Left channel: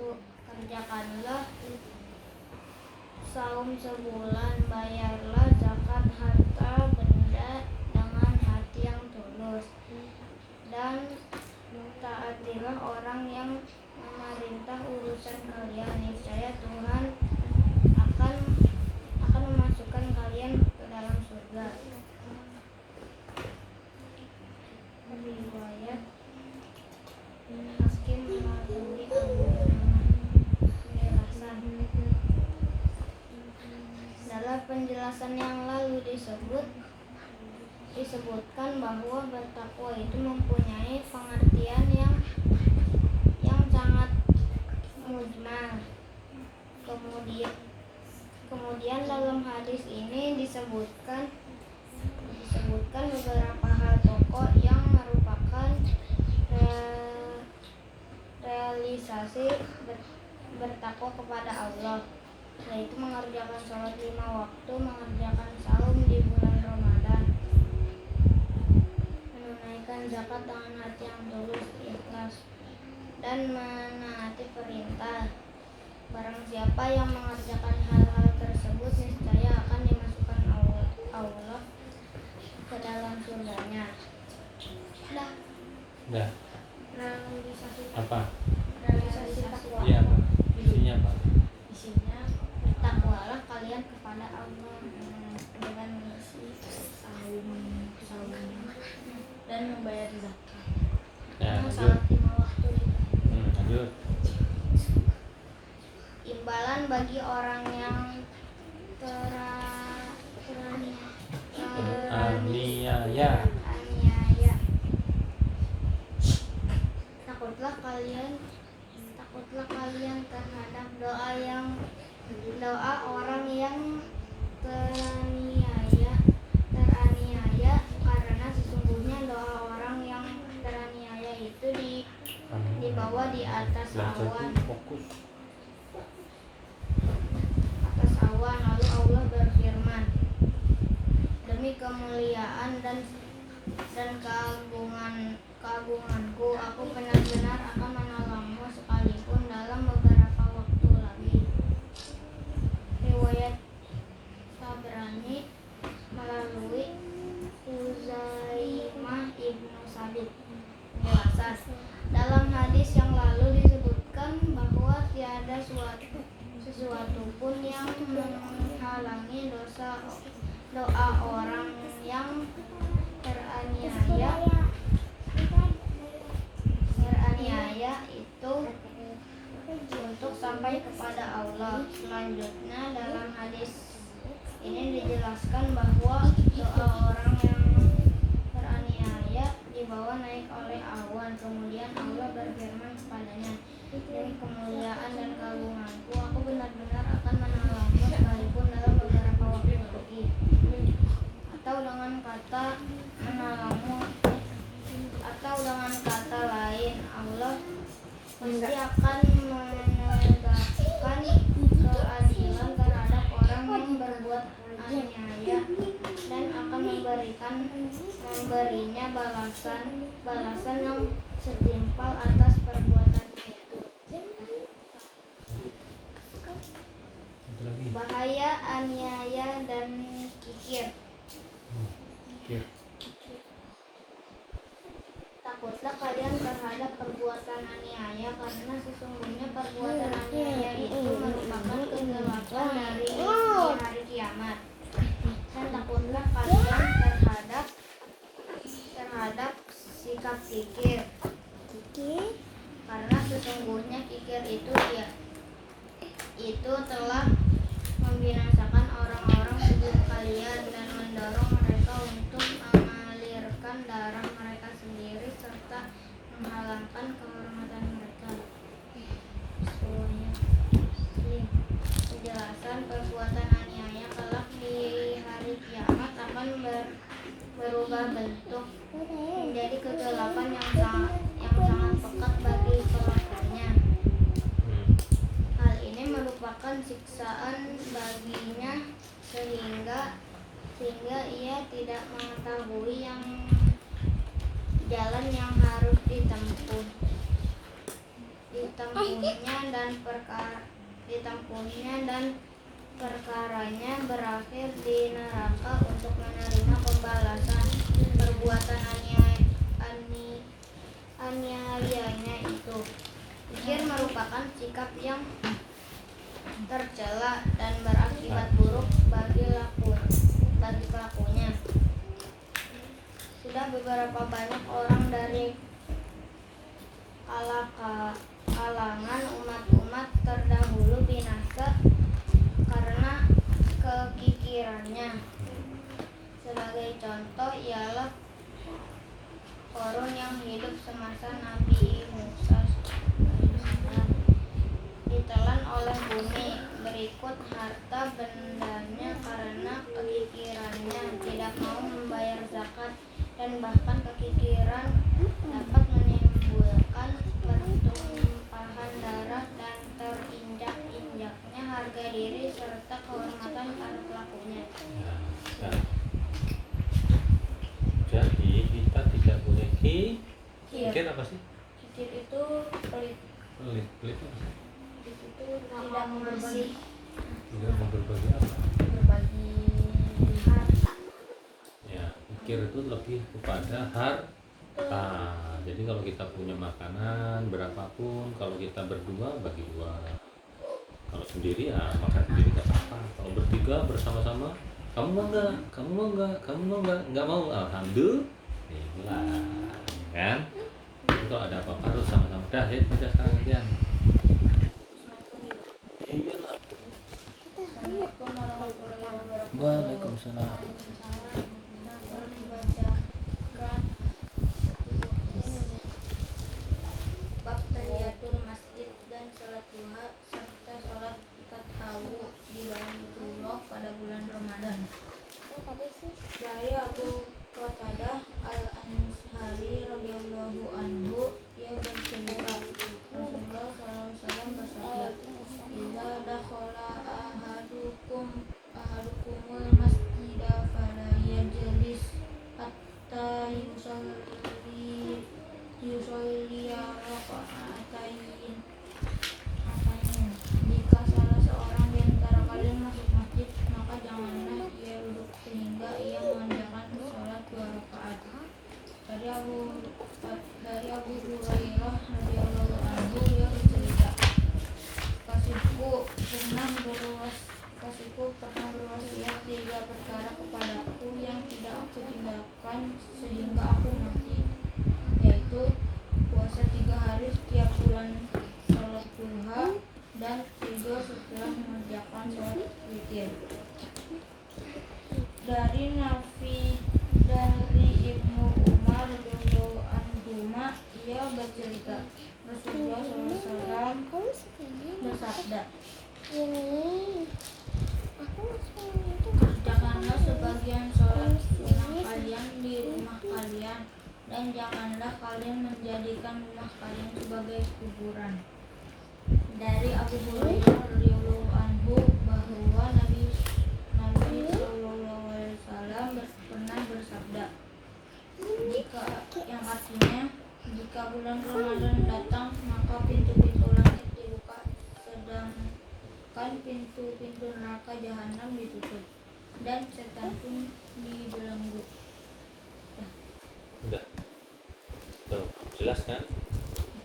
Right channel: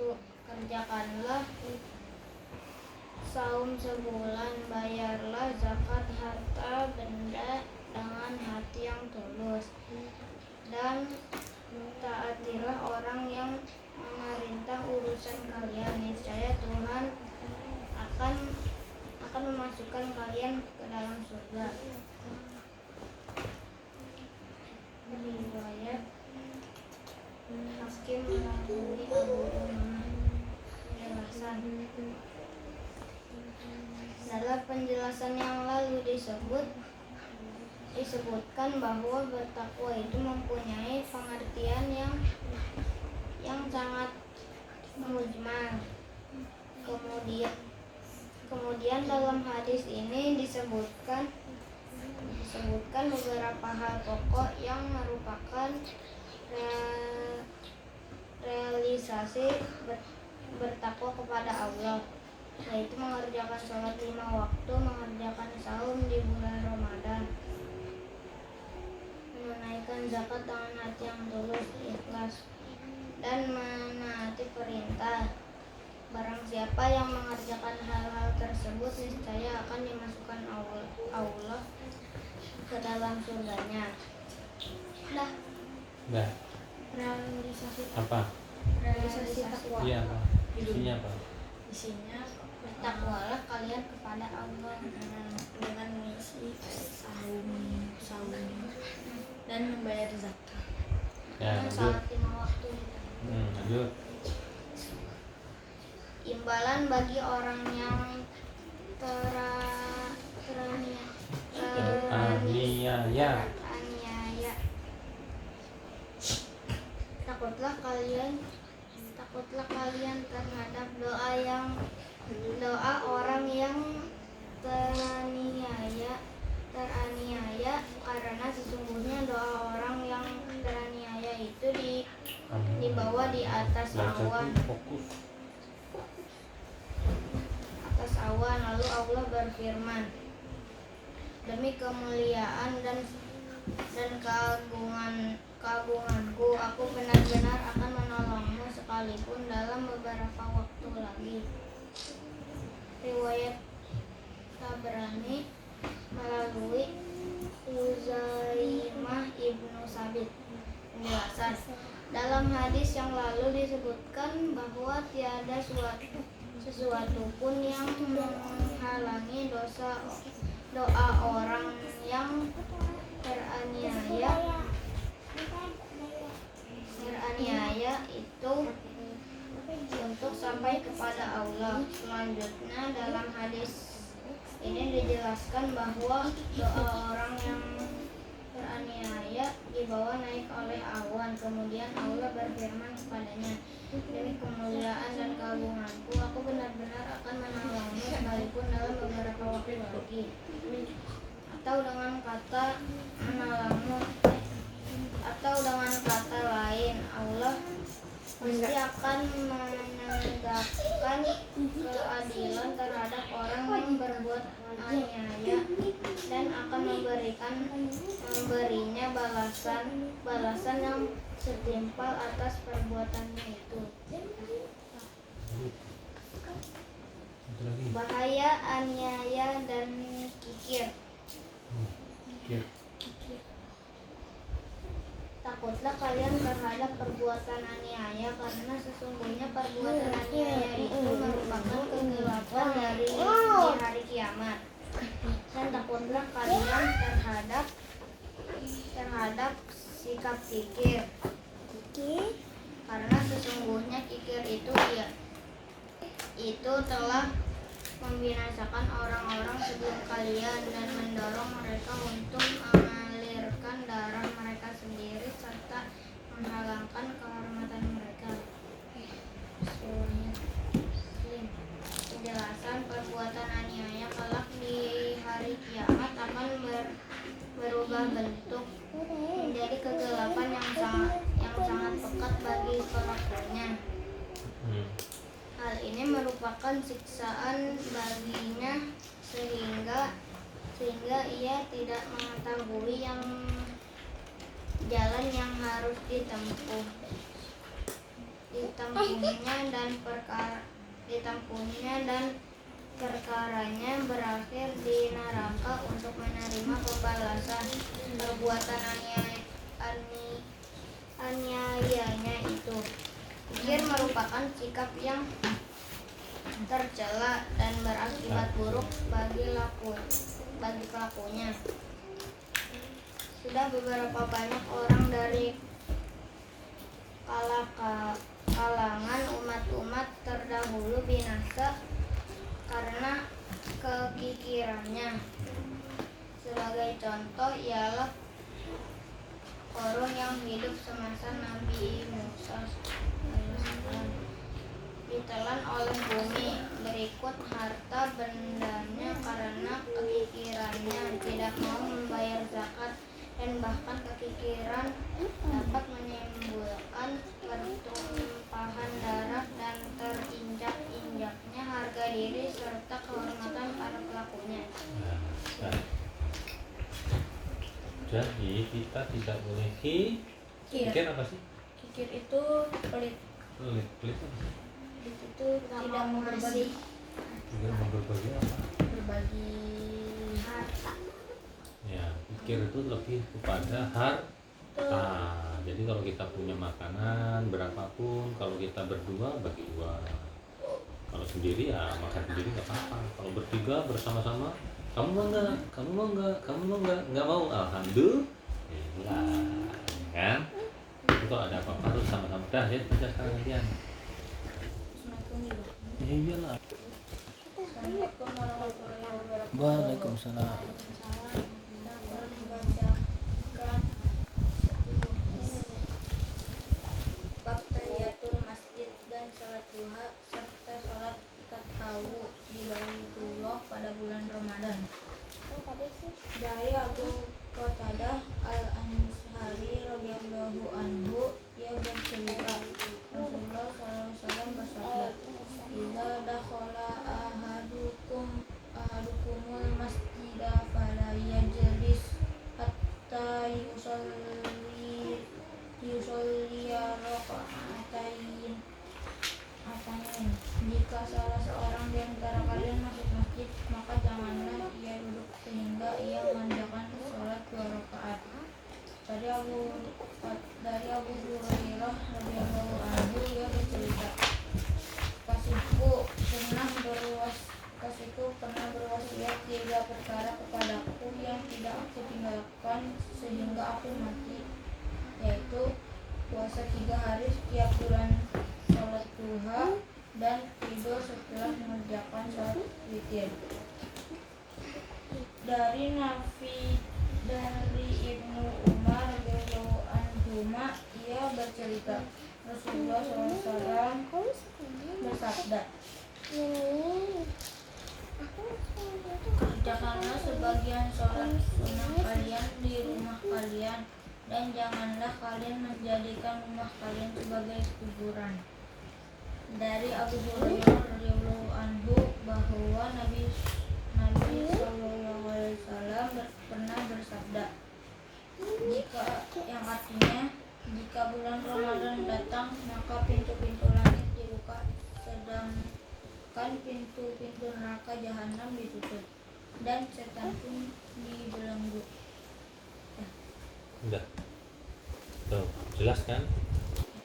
waktu. Kerjakanlah saum sebulan, bayarlah zakat harta benda dengan hati yang tulus, dan taatilah orang yang memerintah urusan kalian. Niscaya Tuhan akan memasukkan kalian ke dalam surga. Riwayat Hakim melalui Abu Umamah. Penjelasan. Dalam penjelasan yang lalu disebutkan bahwa bertakwa itu mempunyai pengertian yang sangat mujmal. Kemudian dalam hadis ini disebutkan beberapa hal pokok yang merupakan realisasi bertakwa kepada Allah, yaitu mengerjakan sholat 5 waktu, mengerjakan saum di bulan Ramadan, menunaikan zakat dengan hati yang tulus, ikhlas, dan menaati perintah. Barang siapa yang mengerjakan hal-hal tersebut, niscaya akan dimasukkan Allah ke dalam surganya. Dah. Realisasi apa? Realisasi takwa. Iya, apa? Isinya apa? Isinya bertakwalah kalian kepada Allah dengan mengisi saum dan membayar zakat. Ya, Salat 5 waktu juga. Lanjut. Imbalan bagi orang yang Aniaya. Takutlah kalian terhadap doa orang yang teraniaya, karena sesungguhnya doa orang yang teraniaya itu dibawa di atas awan. Lalu Allah berfirman, demi kemuliaan dan keagunganku, aku benar-benar akan menolongmu sekalipun dalam beberapa waktu lagi. Riwayat Tabrani melalui Huzaimah ibnu Sabit. Penjelasan. Dalam hadis yang lalu disebutkan bahwa tiada sesuatu pun yang menghalangi doa orang yang teraniaya itu untuk sampai kepada Allah. Selanjutnya dalam hadis ini dijelaskan bahwa doa orang yang teraniaya dibawa naik oleh awan. Kemudian Allah berfirman kepadanya, demi kemuliaan dan keagunganku, aku benar-benar akan menolongmu sekalipun dalam beberapa waktu lagi. Atau dengan kata lain, Allah pasti akan menegakkan keadilan terhadap orang yang berbuat aniaya dan akan memberinya balasan yang setimpal atas perbuatannya itu. Bahaya aniaya dan kikir. Takutlah kalian terhadap perbuatan aniaya, karena sesungguhnya perbuatan aniaya itu merupakan kegelapan di hari kiamat. Dan takutlah kalian terhadap sikap kikir, karena sesungguhnya kikir itu telah membinasakan orang-orang sebelum kalian dan mendorong mereka untuk mengalirkan darah mereka sendiri serta menghalangkan kehormatan mereka. Penjelasan perbuatan aniaya kelak di hari kiamat akan berubah bentuk menjadi kegelapan yang sangat pekat bagi pelakunya. Hal ini merupakan siksaan baginya sehingga ia tidak mengetahui jalan yang harus ditempuh. ditempuhnya dan perkaranya berakhir di neraka untuk menerima pembalasan perbuatan aniayanya itu. Kikir merupakan sikap yang tercela dan berakibat buruk bagi pelakunya. Sudah beberapa banyak orang dari kalangan umat-umat terdahulu binasa karena kekikirannya. Sebagai contoh ialah Qarun yang hidup semasa Nabi Musa AS ditelan oleh bumi. Berikut harta bendanya karena kekikirannya tidak mau membayar zakat, dan bahkan kekikiran dapat menimbulkan pertumpahan darah dan terinjak-injaknya harga diri serta kehormatan para pelakunya. Nah, jadi kita tidak boleh kikir apa sih? Kikir itu pelit. Pelit Itu tidak mengasih, tidak mau berbagi apa? berbagi harta. Ya, kikir itu lebih kepada harta. Jadi kalau kita punya makanan berapapun, kalau kita berdua bagi dua. Kalau sendiri ya makan sendiri nggak apa-apa. Kalau bertiga bersama-sama, kamu mau nggak? Kamu mau nggak? Kamu mau nggak? Nggak mau, alhamdulillah, kan? Itu kalau ada apa-apa harus sama-sama. Dah ya, udah sekarang gantian. Iya lah. Assalamualaikum warahmatullahi wabarakatuh. Waalaikumsalam. Kita akan membacakan bab tahiyatul masjid dan salat duha serta salat tarawih di Baitullah pada bulan Ramadan. Dari Abu Qatadah Al-Ansari radhiyallahu anhu, ia bercerita Rasulullah SAW bersabda, "Idza dakhala ahadukumul masjida fala yajlis hatta yusolli raka'atain." Jika salah seorang di antara kalian masuk masjid, maka janganlah ia duduk sehingga ia mengerjakan sholat 2 rakaat. Dari Abu Hurairah radhiyallahu anhu, ia bercerita, Kasihku pernah berwasiat 3 perkara kepadaku yang tidak aku tinggalkan sehingga aku mati, yaitu puasa 3 hari setiap bulan, sholat duha, dan tidur setelah mengerjakan sholat witir. Dari Ibnu Umar radhiyallahu anhuma, ia bercerita Rasulullah SAW bersabda, kerjakanlah sebagian sholat sunnah kalian di rumah kalian, dan janganlah kalian menjadikan rumah kalian sebagai kuburan. Dari Abu Hurairah radhiyallahu anhu bahwa Nabi SAW pernah bersabda, yang artinya, jika bulan Ramadan datang, maka pintu-pintu langit dibuka, sedangkan pintu-pintu neraka jahanam ditutup, dan setan pun dibelenggu. Enggak. Tuh, jelas kan?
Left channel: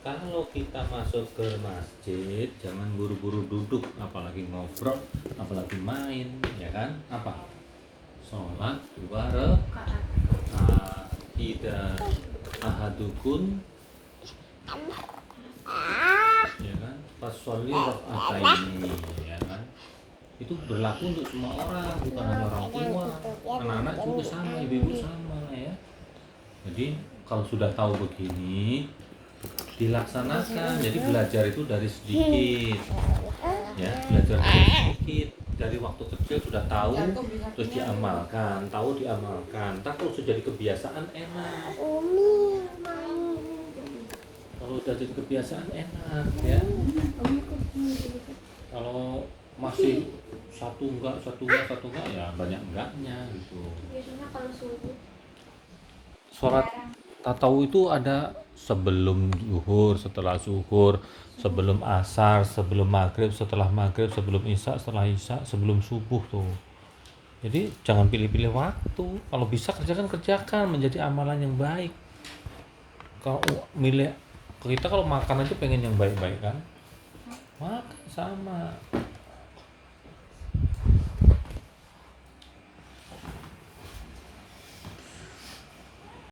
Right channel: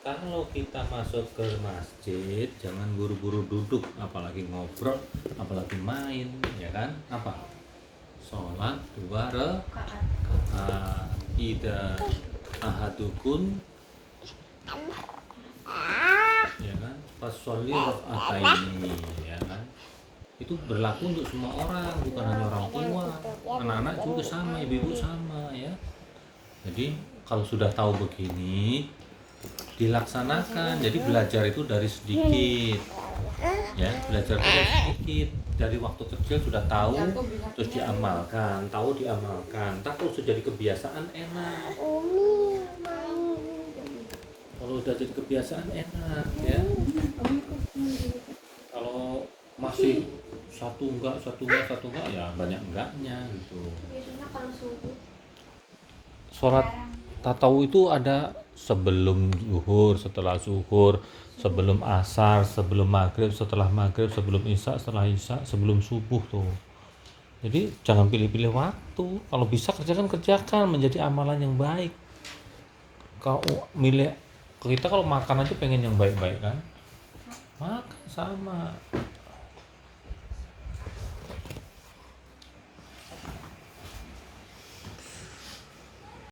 Kalau kita masuk ke masjid, jangan buru-buru duduk, apalagi ngobrol, apalagi main, ya kan? Apa? Sholat 2 rakaat. Ida ahadukun, ya kan? Fasholli raka'ataini, ya kan? Itu berlaku untuk semua orang, bukan hanya orang tua, anak-anak juga sama, ibu-ibu sama, ya. Jadi kalau sudah tahu begini, dilaksanakan. Jadi belajar itu dari sedikit, ya, belajar dari sedikit, dari waktu kecil sudah tahu, terus diamalkan, tak kalau sudah jadi kebiasaan enak. Kalau sudah jadi kebiasaan enak, ya. Kalau masih satu enggak, ya banyak enggaknya gitu. Biasanya kalau subuh Sholat tatawuf itu ada sebelum zuhur, setelah zuhur, sebelum asar, sebelum maghrib, setelah maghrib, sebelum isya, setelah isya, sebelum subuh tuh. Jadi jangan pilih-pilih waktu. Kalau bisa kerjakan menjadi amalan yang baik. Kalau milih kita kalau makan aja pengen yang baik-baik kan, makan sama